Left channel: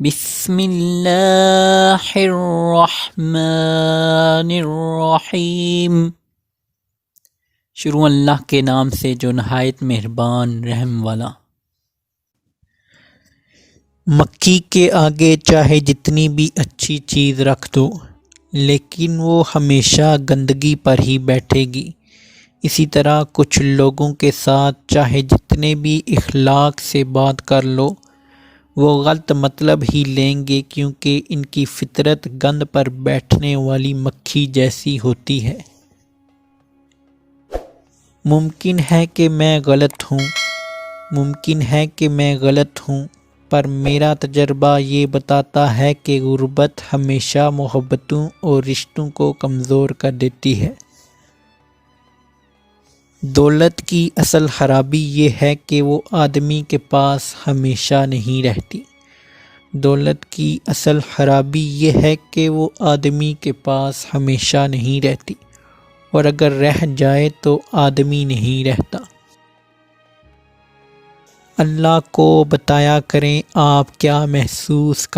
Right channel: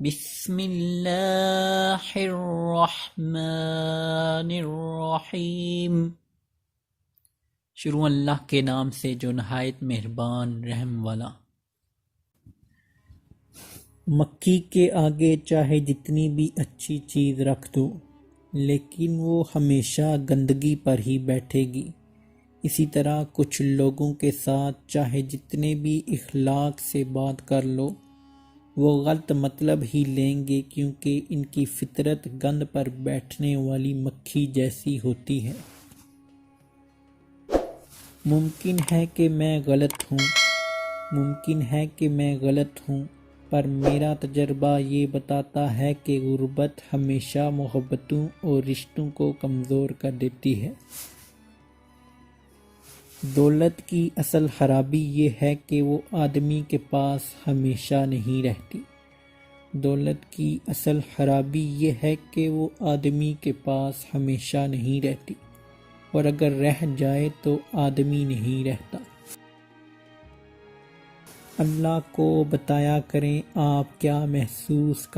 بسم اللہ الرحمن الرحیم۔ شروع اللہ کے نام سے جو نہایت مہربان رحم والا۔ مکھی کے آگے چاہے جتنی بھی اچھی چیز رکھ دو لیکن وہ ہمیشہ گندگی پر ہی بیٹھے گی۔ اسی طرح کچھ لوگوں کے ساتھ چاہے جتنے بھی اخلاق سے بات کر لو وہ غلط مطلب ہی لیں گے، کیونکہ ان کی فطرت گند پر بیٹھنے والی مکھی جیسی ہوتی ہے۔ ممکن ہے کہ میں غلط ہوں، پر میرا تجربہ یہ بتاتا ہے کہ غربت ہمیشہ محبتوں اور رشتوں کو کمزور کر دیتی ہے۔ دولت کی اصل خرابی یہ ہے کہ وہ آدمی کے پاس ہمیشہ نہیں رہتی۔ اور اگر رہ جائے تو آدمی نہیں رہتا۔ اللہ کو بتایا کریں آپ کیا محسوس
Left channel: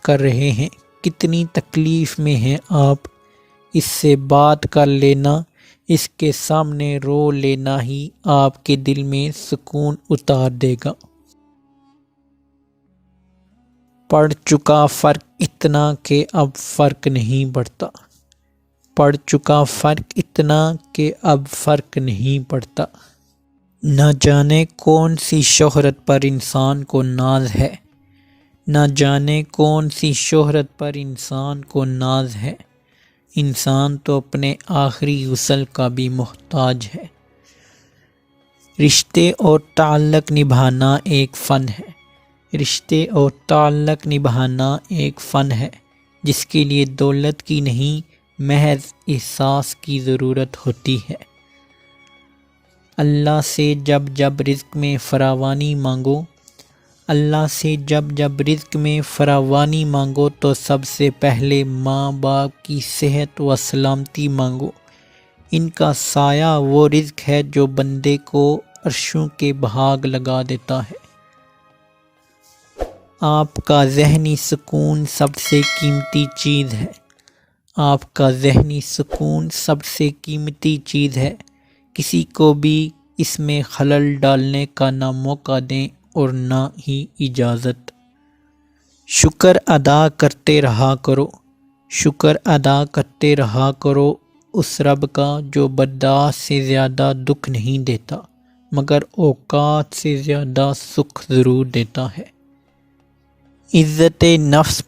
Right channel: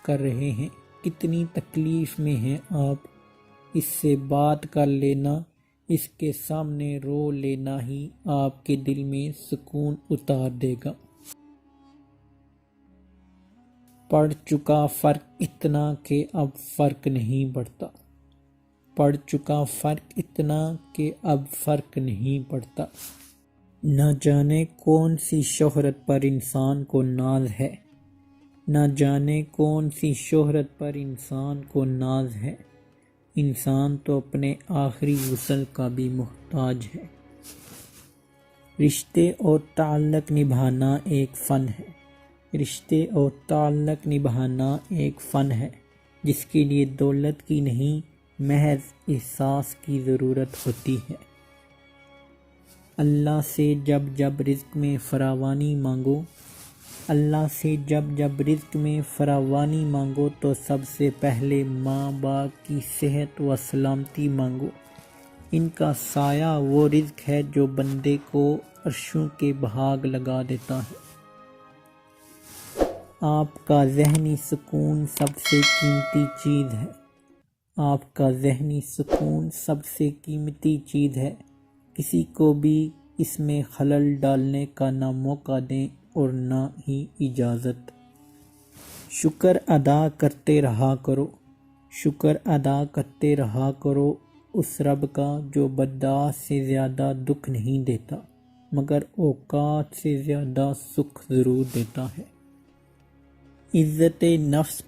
کر رہے ہیں، کتنی تکلیف میں ہیں آپ۔ اس سے بات کر لینا، اس کے سامنے رو لینا ہی آپ کے دل میں سکون اتار دے گا۔ پڑ چکا فرق اتنا کہ اب فرق نہیں پڑتا۔ نہ جانے کون سی شہرت پر انسان کو ناز ہے، انسان تو اپنے آخری غسل کا بھی محتاج ہے۔ رشتے اور تعلق نبھانا ایک فن ہے جس کے لیے دولت کی نہیں محض احساس کی ضرورت ہوتی ہے۔ اللہ سے جب رزق میں فراوانی مانگو تو سب سے پہلے ماں باپ کی صحت و سلامتی مانگو۔ ان کا سایہ وہ رزق ہے جو بندے کو عرشوں کے بھاگ لگا دیتا ہے۔ آپ کا ذہنی سکون سب سے قیمتی چیز ہے۔ کسی کو بھی اس میں خلل ڈالنے کا نہ موقع دیں اور نہ ہی اجازت۔ شکر ادا کرتے رہا کرو اس رب کا جو برداشت سے زیادہ دکھ نہیں دیتا مگر اوقات سے زیادہ سکھ ضرور دیتا ہے۔ عزت نفس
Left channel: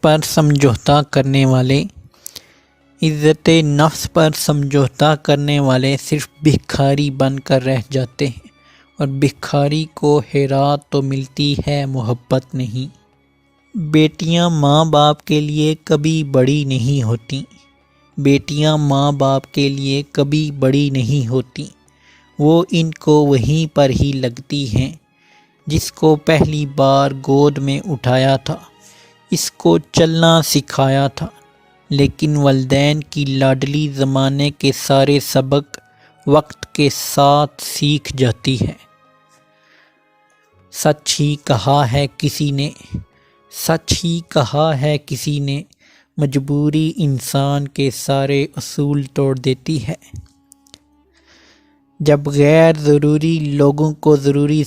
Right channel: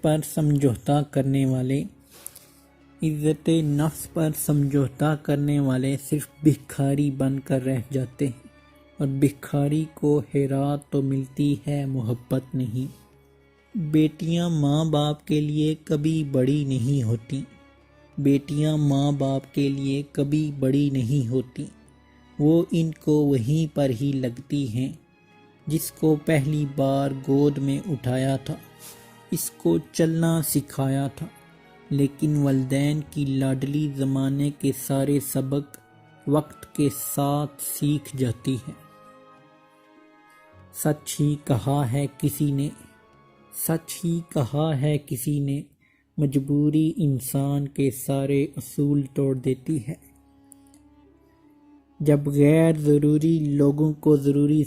پر سمجھوتا کرنے والے صرف بھکاری بن کر رہ جاتے ہیں، اور بھکاری کو خیرات تو ملتی ہے محبت نہیں۔ بیٹیاں ماں باپ کے لیے کبھی بڑی نہیں ہوتی، وہ ان کو وہیں پر ہی لگتی ہیں جس کو پہلی بار گود میں اٹھایا تھا، اس کو چلنا سکھایا تھا۔ لیکن والدین کی لاڈلی زمانے کے سارے سبق وقت کے ساتھ سیکھ جاتی ہے۔ سچ ہی کہا ہے کسی نے، مجبوری انسان کے سارے اصول توڑ دیتی ہے۔ جب غیر ضروری لوگوں کو ضروری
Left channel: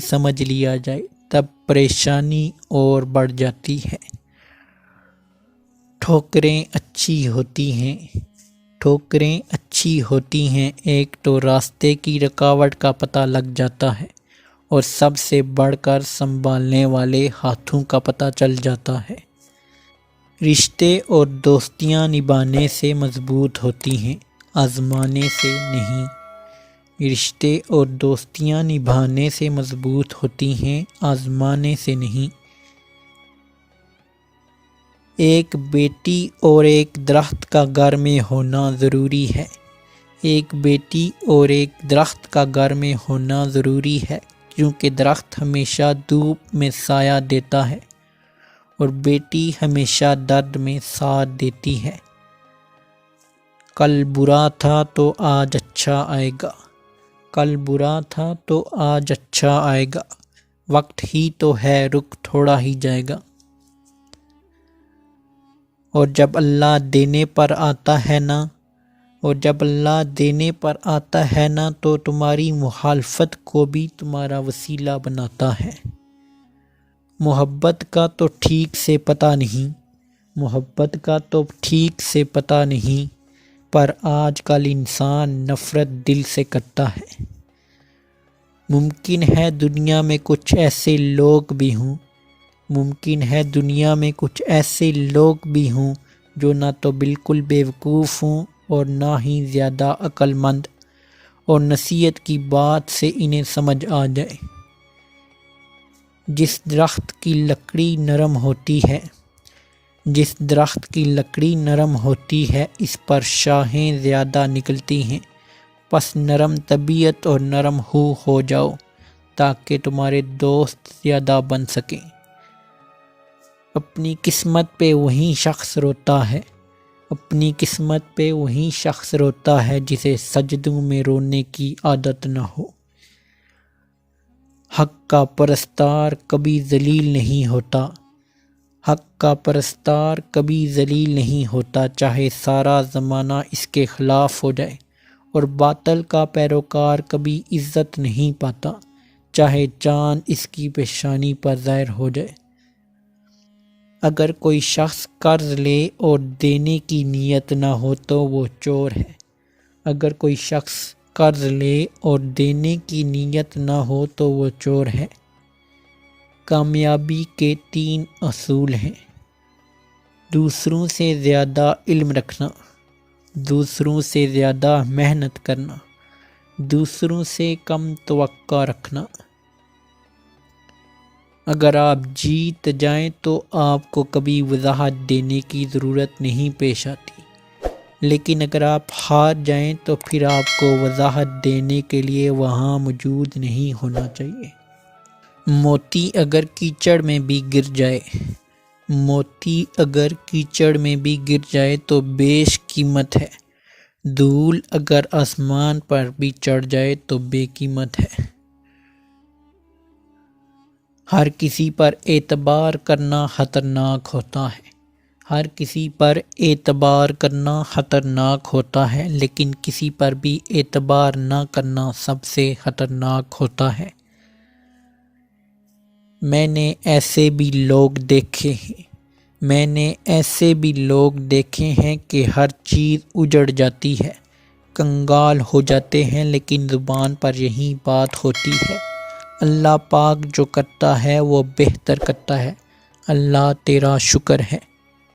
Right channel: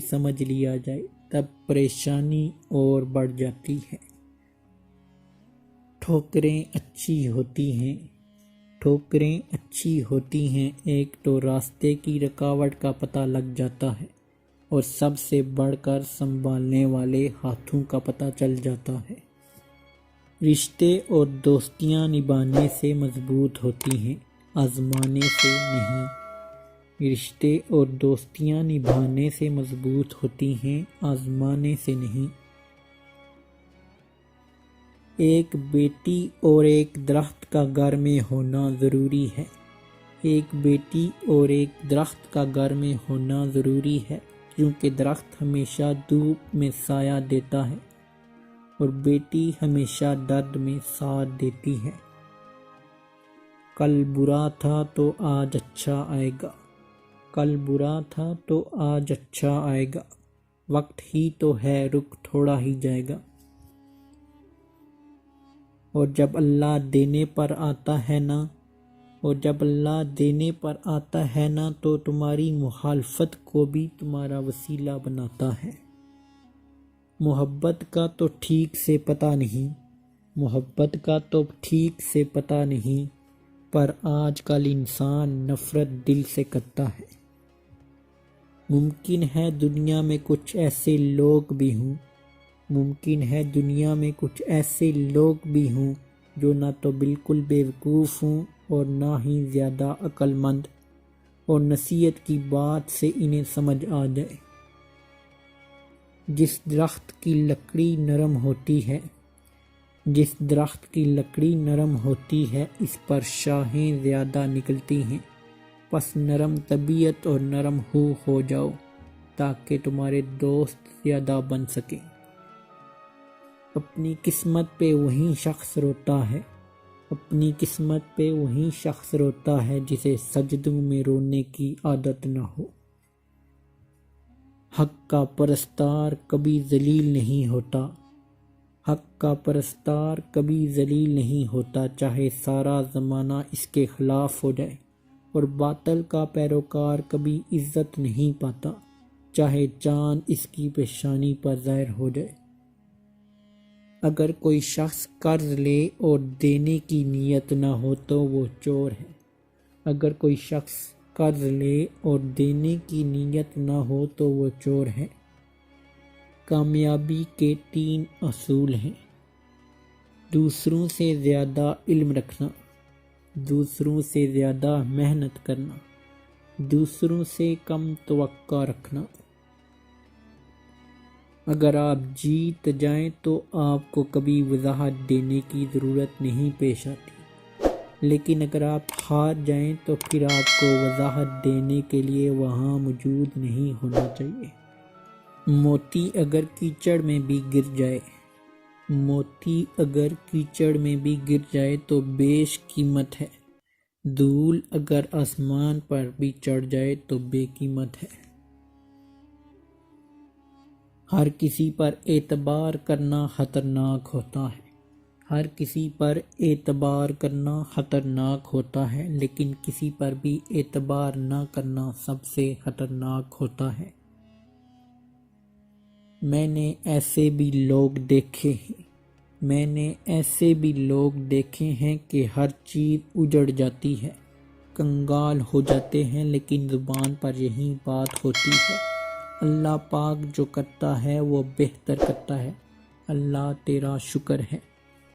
سمجھ لیا جائے تب پریشانی اور بڑھ جاتی ہے۔ ٹھوکریں اچھی ہوتی ہیں، ایک تو راستے کی رکاوٹ کا پتہ لگ جاتا ہے، اور سب سے بڑھ کر سنبھالنے والے ہاتھوں کا پتہ چل جاتا ہے۔ رشتے اور دوستیاں نبھانے سے مضبوط ہوتی ہیں، آزمانے سے نہیں۔ ایک بیٹی اور ایک درخت کا گھر میں ہونا ضروری ہے، کیونکہ درخت ہمیشہ دھوپ میں سایہ دیتا ہے اور بیٹی ہمیشہ درد میں ساتھ دیتی ہے۔ کل برا تھا تو آج اچھا آئے گا، کل برا تھا تو آج اچھا آئے گا، وقت ہی تو ہے رک تھوڑا ہی جائے گا۔ اور جب اللہ دینے پر آتا ہے نا، اور جب اللہ دینے پر آتا ہے نا تو تمہاری مخالفت کو بھی تمہارا وسیلہ بناتا ہے۔ محبت کا تو ٹھیک سے پتہ نہیں، محبت کا تو ٹھیک سے پتہ نہیں، پر آج کل انسان نفرت دل سے کرتا ہے۔ ممکن ہے دنیا میں کچھ ایسے لوگ بھی ہوں، ممکن ہے دنیا میں کچھ ایسے لوگ بھی ہوں جو نہ تو بالکل بیوقوف ہوں اور نہ ہی زیادہ عقل مند، اور نصیحت کی بات سے انہیں سمجھ آ جائے۔ جس درخت کی لکڑی نرم ہوتی ہے، جس درخت کی لکڑی نرم ہوتی ہے اس پر شاخیں زیادہ نکلتی ہیں، پس نرم طبیعت اور نرم ہو جاؤ تاکہ تمہارے دوست زیادہ بن سکیں۔ اپنی قسمت پہ وہی شخص روتا ہے، اپنی قسمت پہ وہی شخص روتا ہے جسے سجدوں میں رونے کی عادت نہ ہو۔ حق کا پرستار کبھی ذلیل نہیں ہوتا، حق کا پرستار کبھی ذلیل نہیں ہوتا، چاہے سارا زمانہ اس کے خلاف ہو جائے، اور باطل کا پیروکار کبھی عزت نہیں پاتا، چاہے چاند اس کی پیشانی پر ظاہر ہو جائے۔ اگر کوئی شخص قرض لے اور دینے کی نیت نہ ہو تو وہ چور ہے، اگر کوئی شخص قرض لے اور دینے کی نیت نہ ہو تو وہ چور ہے۔ کامیابی کے 3 اصول ہیں: دوسروں سے زیادہ علم رکھنا، دوسروں سے زیادہ محنت کرنا، دوسروں سے کم توقع رکھنا۔ اگر آپ جیت جائیں تو آپ کو کبھی وضاحت دینے کی ضرورت نہیں پیش آتی، لیکن اگر آپ ہار جائیں تو پھر آپ کو وضاحت دینے کے لیے وہاں موجود نہیں ہونا چاہیے۔ موتی اگر کیچڑ میں بھی گر جائے، موتی اگر کیچڑ میں بھی گر جائے تو بیش قیمت ہے، دھول اگر آسمان پر بھی چڑھ جائے تو بے قیمت ہے۔ ہر کسی پر اعتبار کرنا خطرناک ہوتا ہے، ہر کسی پر اعتبار کرنا خطرناک ہوتا ہے، لیکن کسی پر بھی اعتبار نہ کرنا سب سے خطرناک ہوتا ہے۔ میں نے ایسے بھی لوگ دیکھے ہیں، میں نے ایسے بھی لوگ دیکھے ہیں کہ ہر چیز اجڑ جاتی ہے، کنگال ہو جاتے ہیں، لیکن زبان پر یہی بات ہوتی ہے، اللہ پاک جو کرتا ہے وہ بہتر کرتا ہے، اللہ تیرا شکر ہے۔